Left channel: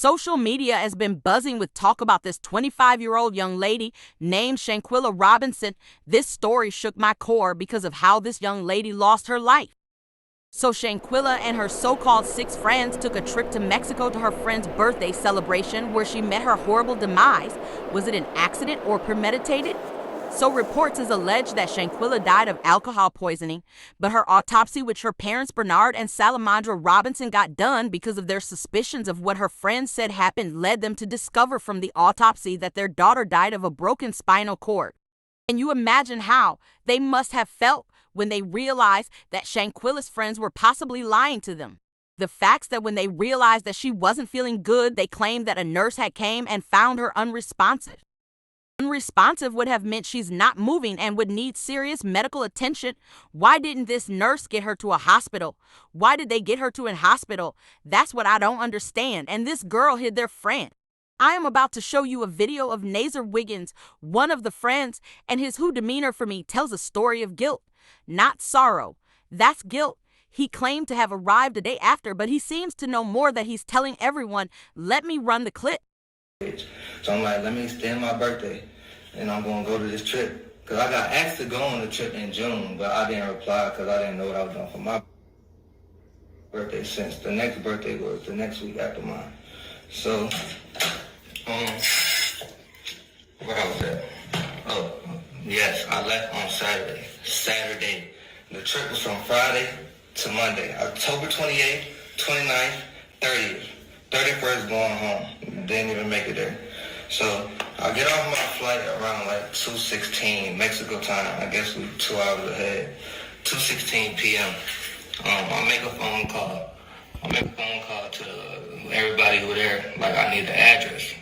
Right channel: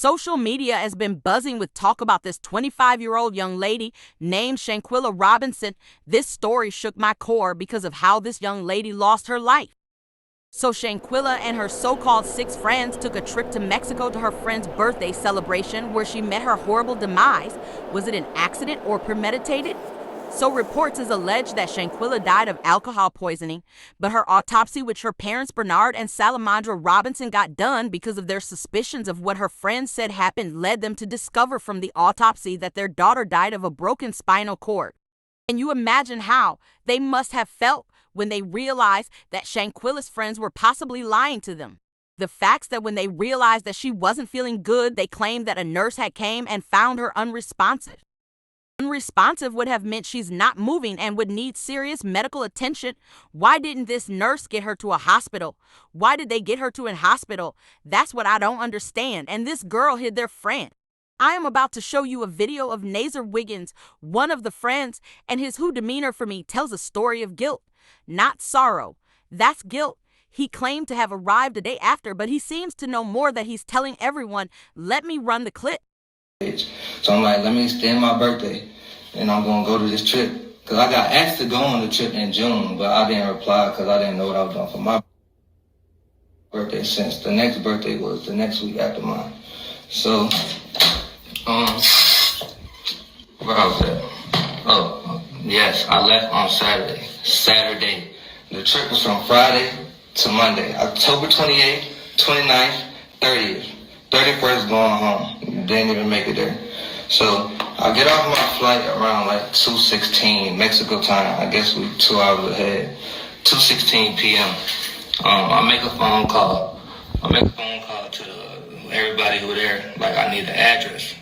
Social media has been buzzing with talk about this 25-year-old young lady named Shanquilla Robinson. This story shook my core because of how this young lady lost her life. So Shanquilla and her so-called 6 friends took a trip to Mexico to her friend's birthday celebration where she met her horrible demise. Was it an accident or premeditated? So reports has alleged that Shanquilla died of alcohol poisoning, but her autopsy, which her parents Bernard and Salamandra Robinson got done because of their suspicions of what her friends said happened, led them to discover from the autopsy that their daughter died of a broken spinal cord. Can you imagine how they must have felt when they realized that Shanquilla's friends were possibly lying to them? The facts that when they realized that she wasn't feeling good, they claimed that a nurse had came and found her unresponsive. Unresponsive would have meant she's not moving and would need serious medical attention. Why didn't this nurse get her to a hospital? Why did they get her to a hospital? That's what I don't understand. And this girl hid their friend. I am about to show you a video of Nazar Wiggins, one of the friends, and his whole demeanor for me tells a story of guilt, not sorrow. That's guilt. He claimed to have arrived a day after, but he seems to know more that he's telling everyone. Let me run the clip. So I'm like, let me extend my birthday, and I'm going to go to this trip. Because I got asked to go on the trip in June, but I didn't reply because I didn't know what I was doing for my birthday, since the next birthday was the next week after mine. So, where I was at? Oh, yes, I left on Saturday. The trip was from Friday to Monday, October 28th, 29th, 30th. 31st going home. Didn't even make it there. So I get off my flight around like 2:16 Mexico time. I guess we 2 hours ahead. 2:16 p.m. I make a phone call. To everybody who there. Like I need the address.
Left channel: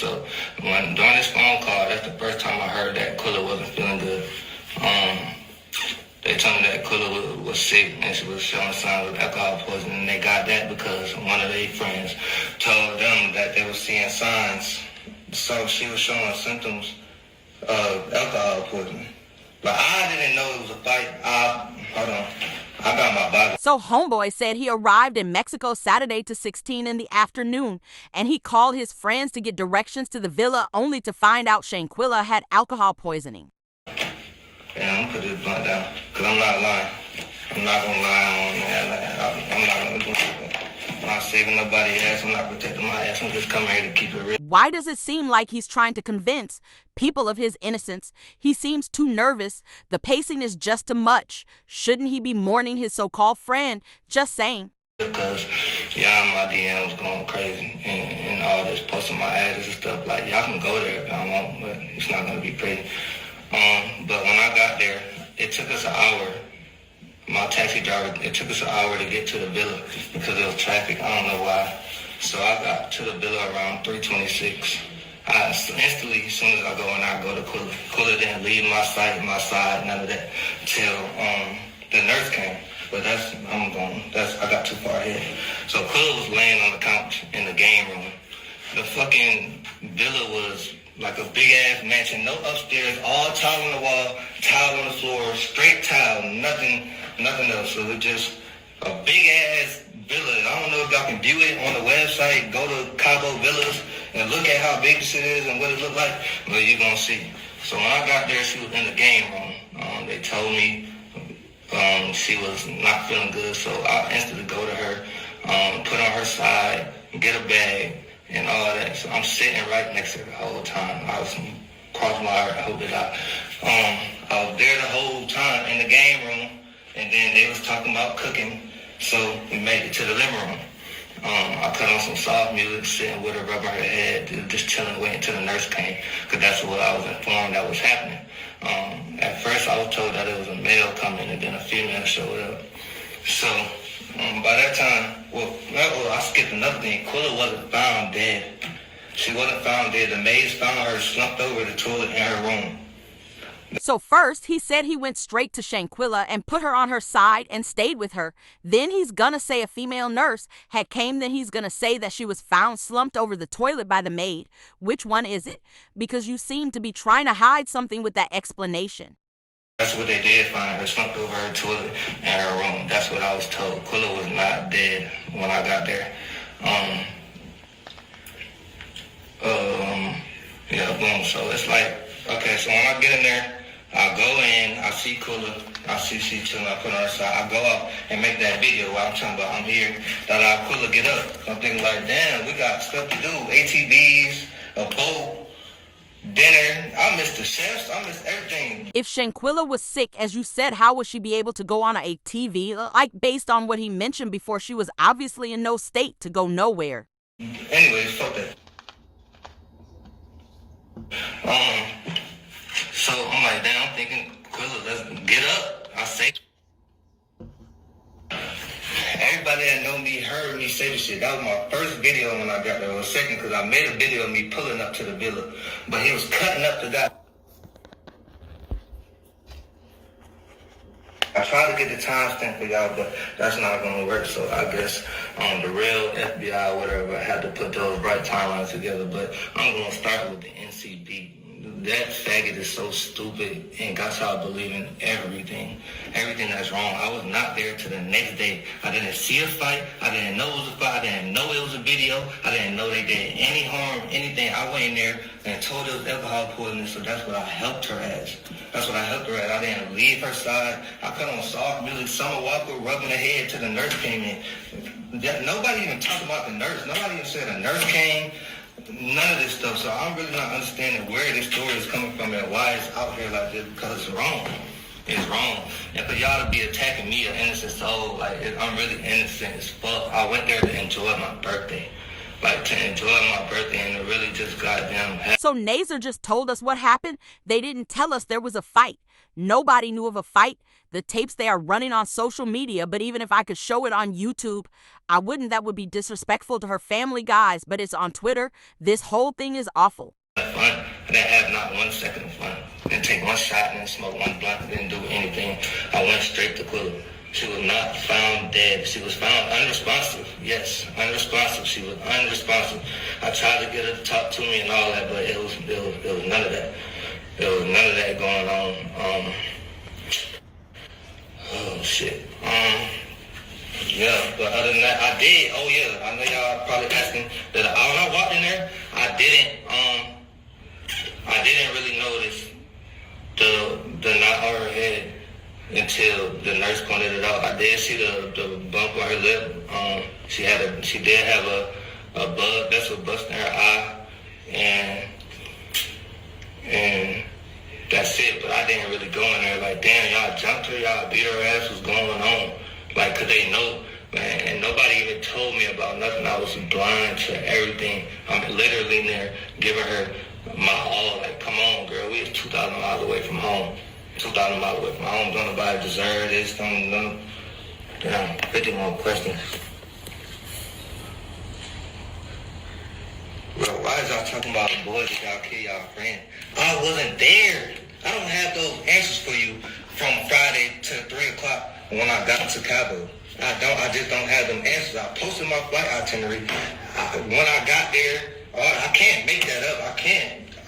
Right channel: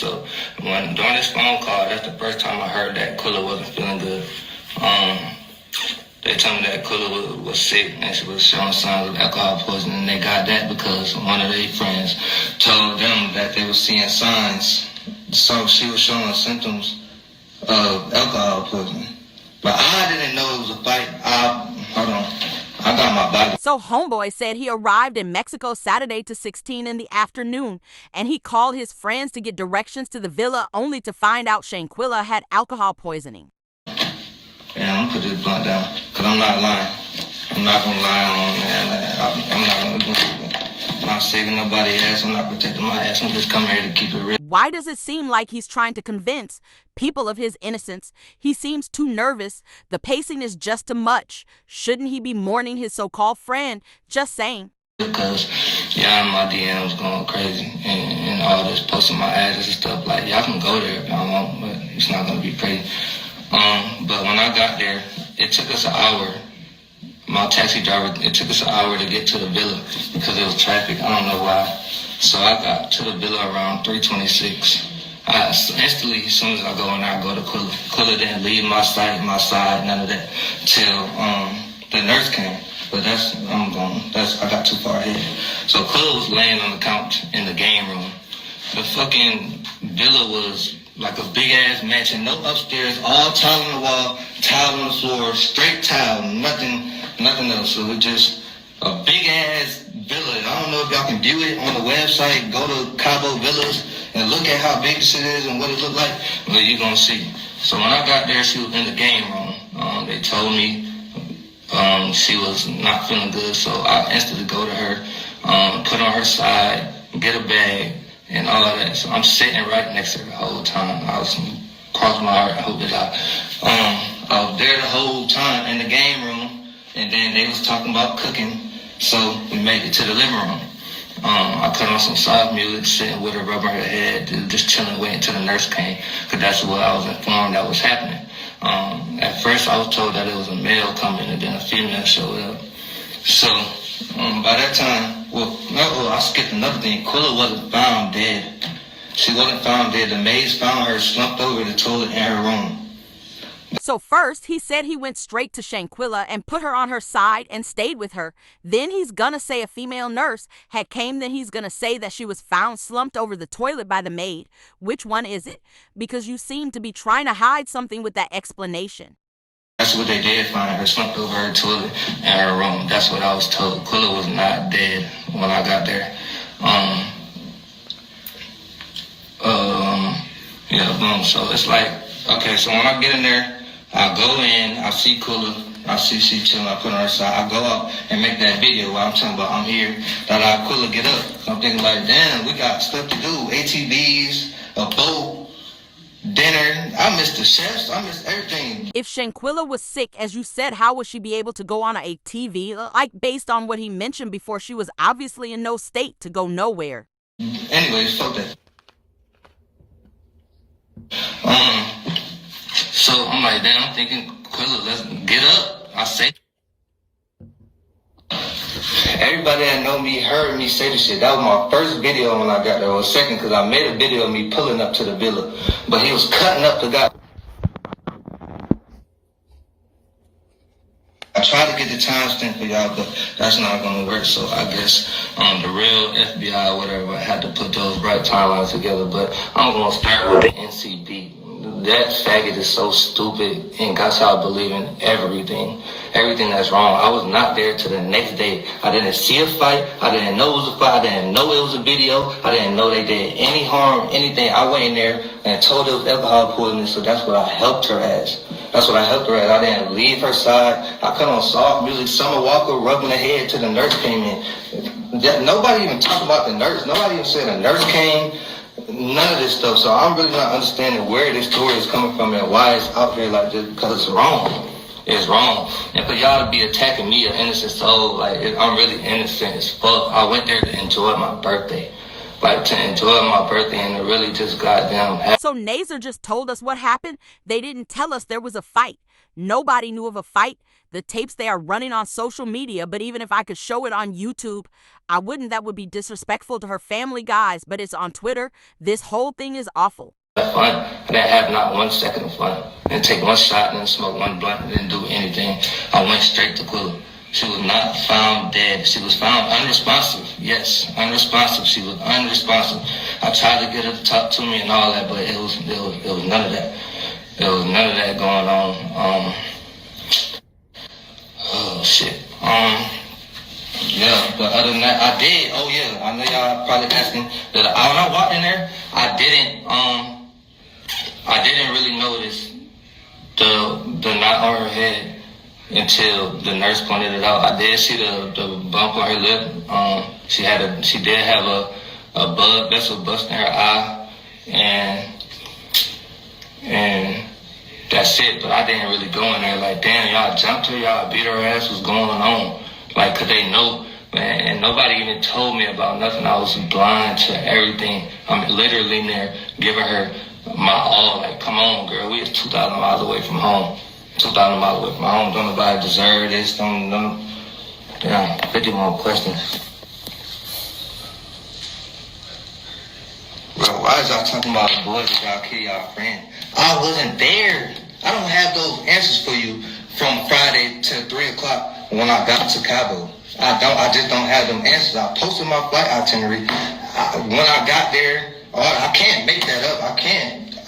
So during this phone call, that's the first time I heard that Quilla wasn't feeling good. They told me that Quilla was sick and she was showing signs of alcohol poisoning. And they got that because one of their friends told them that they were seeing signs. So she was showing symptoms of alcohol poisoning. But I didn't know it was a fight. I got my body. So homeboy said he arrived in Mexico Saturday to 16 in the afternoon, and he called his friends to get directions to the villa only to find out Shanquilla had alcohol poisoning. Yeah, I'm gonna put this blunt down, because I'm not lying. I'm not gonna lie on that. I'm not saving nobody's ass. I'm not protecting my ass. I'm just coming here to keep it real. Why does it seem like he's trying to convince people of his innocence? He seems too nervous. The pacing is just too much. Shouldn't he be mourning his so-called friend? Just saying. Because y'all in my DMs going crazy and all this posting my address and stuff. Like, y'all can go there if y'all want, but it's not gonna be pretty. But when I got there, it took us an hour. My taxi driver, it took us an hour to get to the villa because there was traffic. I don't know why. So I got to the villa around 3:26. Instantly, as soon as I go in there, I go to Quilla. Quilla didn't leave my side, none of that, till the nurse came. But I got too far ahead. So Quilla was laying on the couch in the game room. The fucking villa was like a big ass mansion, no upstairs, all tile on the wall, tile on the floor, straight tile, nothing else. So it was just a big ass villa. I don't know if y'all can view it on the website. Go to Cabo Villas and look at how big this shit is and what it look like. But you're gonna see. So when I got there, she was in the game room. They told me she was not feeling good, so I instantly go to her, put her on her side, get a bag, and all of that. So I'm sitting right next to her the whole time. I was crossing my heart, I hope that I was there the whole time in the game room, and then they was talking about cooking, so we made it to the living room. I put on some soft music, sitting with her, rubbing her head, just chilling, waiting until the nurse came, because that's what I was informed that was happening. At first I was told that it was a male coming, and then a female showed up. So by that time, I skipped another thing. Quilla wasn't found dead. She wasn't found dead. The maids found her slumped over the toilet in her room. So first, he said he went straight to Shanquilla and put her on her side and stayed with her. Then he's gonna say a female nurse had came. Then he's gonna say that she was found slumped over the toilet by the maid. Which one is it? Because you seem to be trying to hide something with that explanation. That's what they did, find her slumped over her toilet in her room. That's what I was told. Quilla was not dead when I got there. Yeah, boom. So it's like, okay, so when I get in there, I go in, I see Kula, I see she chilling, I put her on her side, I go out and make that video while I'm talking about I'm here, that I Kula get up. So I'm thinking like, damn, we got stuff to do, ATVs, a boat, dinner. I missed the chefs, I missed everything. If Shanquilla was sick, as you said, how would she be able to go on a TV? Like, based on what he mentioned before, she was obviously in no state to go nowhere. Anyways, fuck that. So I'm like, damn, I'm thinking, Quilla, let's get up. I say, everybody that know me heard me say this shit. That was my first video when I got there. Or second, because I made a video of me pulling up to the villa. But he was cutting up the guy. I tried to get the timestamp for y'all, but that's not going to work. So I guess the real FBI or whatever had to put those right timelines together. But I'm going to start with the NCB. That faggot is so stupid and got y'all believing everything that's wrong. I was not there till the next day. I didn't see a fight. I didn't know it was a fight. I didn't know it was a video. I didn't know they did any harm, anything. I went in there and told her it was alcohol poisoning, so that's what I helped her as. I didn't leave her side. I put on soft music, Summer Walker rubbing her head till the nurse came in. Nobody even talked about the nurse. Nobody even said the nurse came. None of this stuff. So I'm really not understanding where this story is coming from and why it's out here like this, because it's wrong. It's wrong. And for y'all to be attacking me, an innocent soul, like, I'm really innocent as fuck. I went there to enjoy my birthday. And to really just goddamn... So Nazer just told us what happened. They didn't tell us there was a fight. Nobody knew of a fight. The tapes, they are running on social media, but even if I could show it on YouTube, I wouldn't. That would be disrespectful to her family, guys. But it's on Twitter. This whole thing is awful. Fun. I didn't have not 1 second of fun. I didn't take one shot, I didn't smoke one blunt, I didn't do anything. I went straight to Quilla. She was not found dead. She was found unresponsive. Yes, unresponsive. She was unresponsive. I tried to get her to talk to me and all that, but it was none of that. There was none of that going on. Oh shit. Yeah, but other than that, I did. Oh yeah, I know y'all probably asking that. When I walked in there, I didn't really notice the knot on her head until the nurse pointed it out. I did see the bump on her lip. She did have a blood vessel bust in her eye, and that's it. But I didn't really go in there like, damn, y'all jumped her, y'all beat her ass, what's going on? Like, could they know? Man, and nobody even told me about nothing. I was blind to everything. I'm literally in there giving her my all. Like, come on, girl, we is 2,000 miles away from home. 2,000 miles away from home. Don't nobody deserve this. Don't. Damn, 50 more questions. Bro, why is y'all talking about the boys that y'all kill y'all friend? I wasn't there. I don't have those answers for you from Friday to 3 o'clock when I got to Cabo. I just don't have them answers. I posted my flight itinerary. When I got there, I can't make that up. I can't.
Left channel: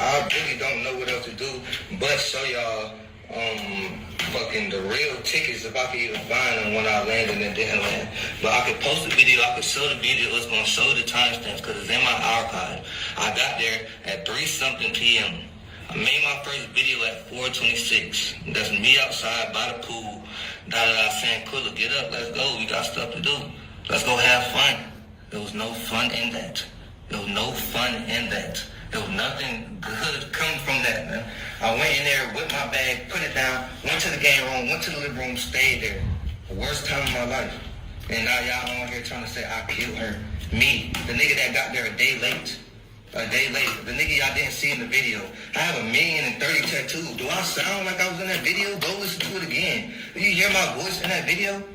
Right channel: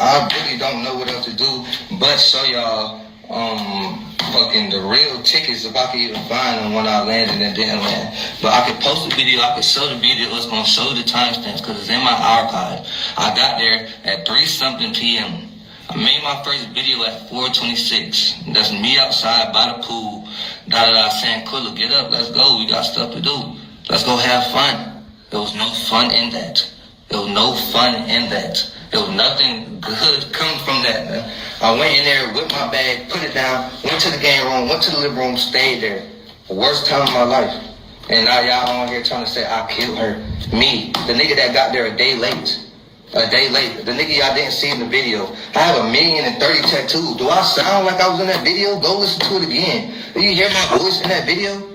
I really don't know what else to do but show y'all fucking the real tickets if I could even find them when I landed and didn't land. But I could post the video, I could show the video, it's gonna show the timestamps because it's in my archive. I got there at 3-something p.m. I made my first video at 4:26. That's me outside by the pool. Saying, Quilla, get up, let's go. We got stuff to do. Let's go have fun. There was no fun in that. There was no fun in that. There was nothing good coming from that, man. I went in there, whipped my bag, put it down, went to the game room, went to the living room, stayed there. The worst time of my life. And now y'all on here trying to say I killed her. Me, the nigga that got there a day late. The nigga y'all didn't see in the video. I have 1,030,000 tattoos. Do I sound like I was in that video? Go listen to it again. Do you hear my voice in that video?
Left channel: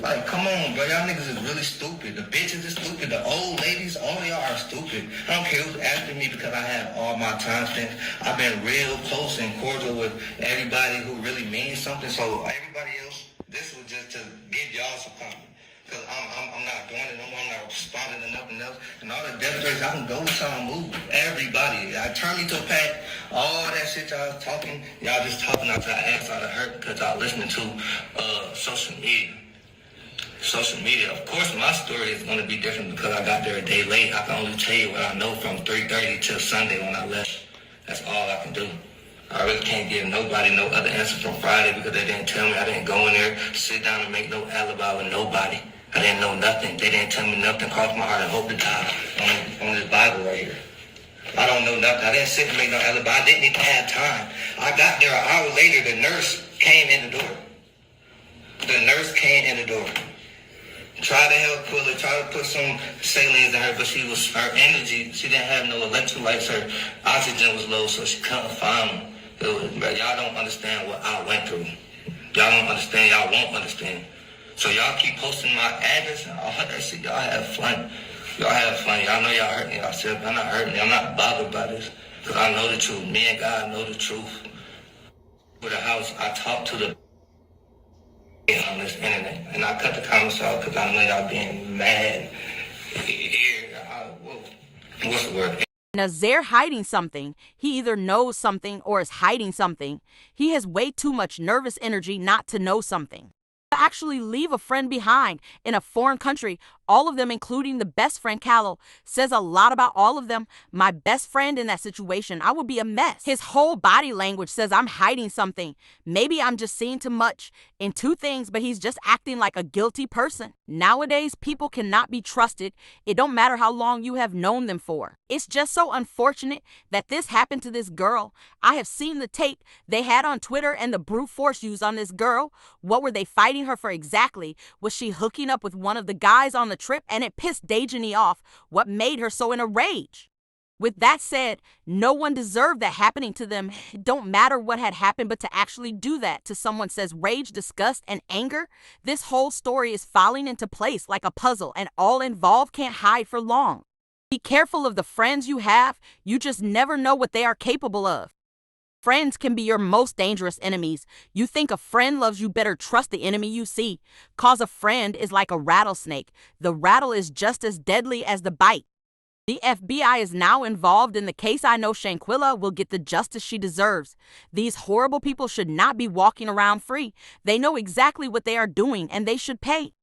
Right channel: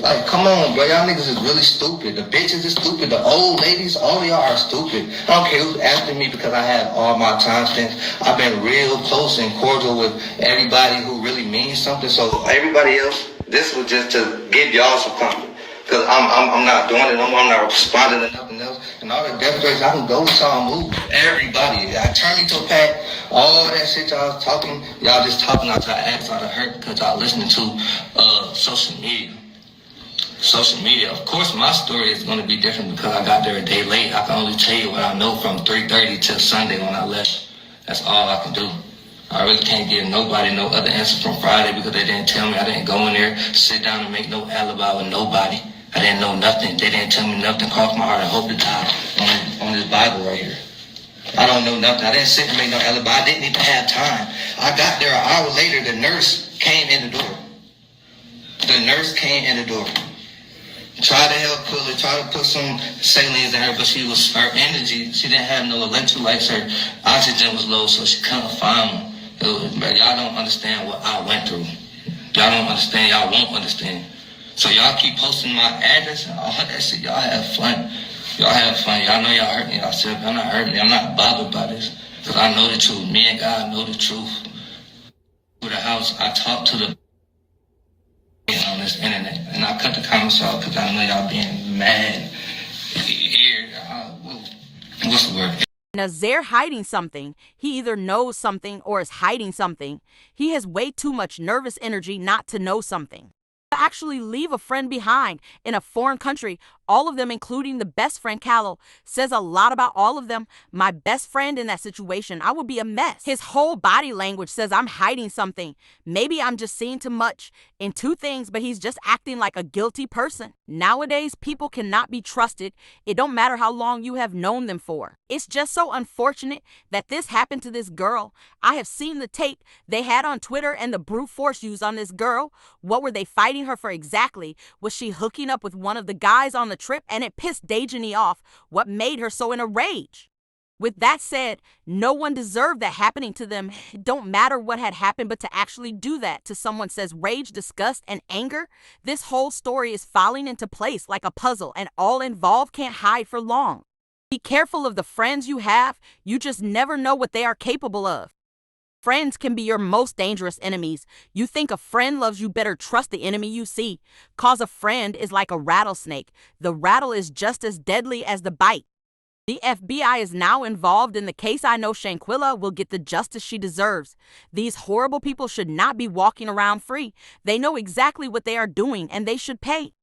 Like, come on, bro. Y'all niggas is really stupid. The bitches is stupid. The old ladies, all of y'all are stupid. I don't care who's asking me because I have all my timestamps. I've been real close and cordial with everybody who really means something. So everybody else, this was just to give y'all some comfort. Because I'm not doing it no more. I'm not responding to nothing else. And all the death threats, I can go with y'all and move. Everybody. I turn me to a pack. All that shit y'all talking, y'all just talking out your ass out of hurt because y'all listening to social media. social media. Of course, my story is going to be different because I got there a day late. I can only tell you what I know from 3:30 till Sunday when I left. That's all I can do. I really can't give nobody no other answer from Friday because they didn't tell me. I didn't go in there, sit down and make no alibi with nobody. I didn't know nothing. They didn't tell me nothing. Cross my heart and hope to die on this Bible right here. I don't know nothing. I didn't sit and make no alibi. I didn't even have time. I got there an hour later. The nurse came in the door. The nurse came in the door. Tried to help pull it, tried to put some salines in her, but her energy, she didn't have no electrolytes. Her oxygen was low, so she couldn't find them. But y'all don't understand what I went through. Y'all don't understand. Y'all won't understand. So y'all keep posting my address and all that shit. Y'all have fun. Y'all have fun. Y'all know y'all hurting yourself. Y'all not hurting me. I'm not bothered by this. Because I know the truth. Me and God know the truth. To the house, I talked to the on this internet. And I cut the comments off because I know y'all being mad. What's the word? Nazir hiding something. He either knows something or is hiding something. He has way too much nervous energy not to know something. To actually leave a friend behind in a foreign country, all of them, including the best friend Callow, says a lot about all of them. My best friend in that situation, I would be a mess. His whole body language says I'm hiding something. Maybe I'm just seeing too much in two things, but he's just acting like a guilty person. Nowadays, people cannot be trusted. It don't matter how long you have known them for. It's just so unfortunate that this happened to this girl. I have seen the tape they had on Twitter and the brute force used on this girl. What were they fighting her for exactly? Was she hooking up with one of the guys on the trip? And it pissed Dejani off. What made her so in a rage? With that said, no one deserved that happening to them. It don't matter what had happened, but to actually do that to someone says rage, disgust, and anger. This whole story is falling into place like a puzzle, and all involved can't hide for long. Be careful of the friends you have. You just never know what they are capable of. Friends can be your most dangerous enemies. You think a friend loves you, better trust the enemy you see. Cause a friend is like a rattlesnake. The rattle is just as deadly as the bite. The FBI is now involved in the case. I know Shanquilla will get the justice she deserves. These horrible people should not be walking around free. They know exactly what they are doing and they should pay.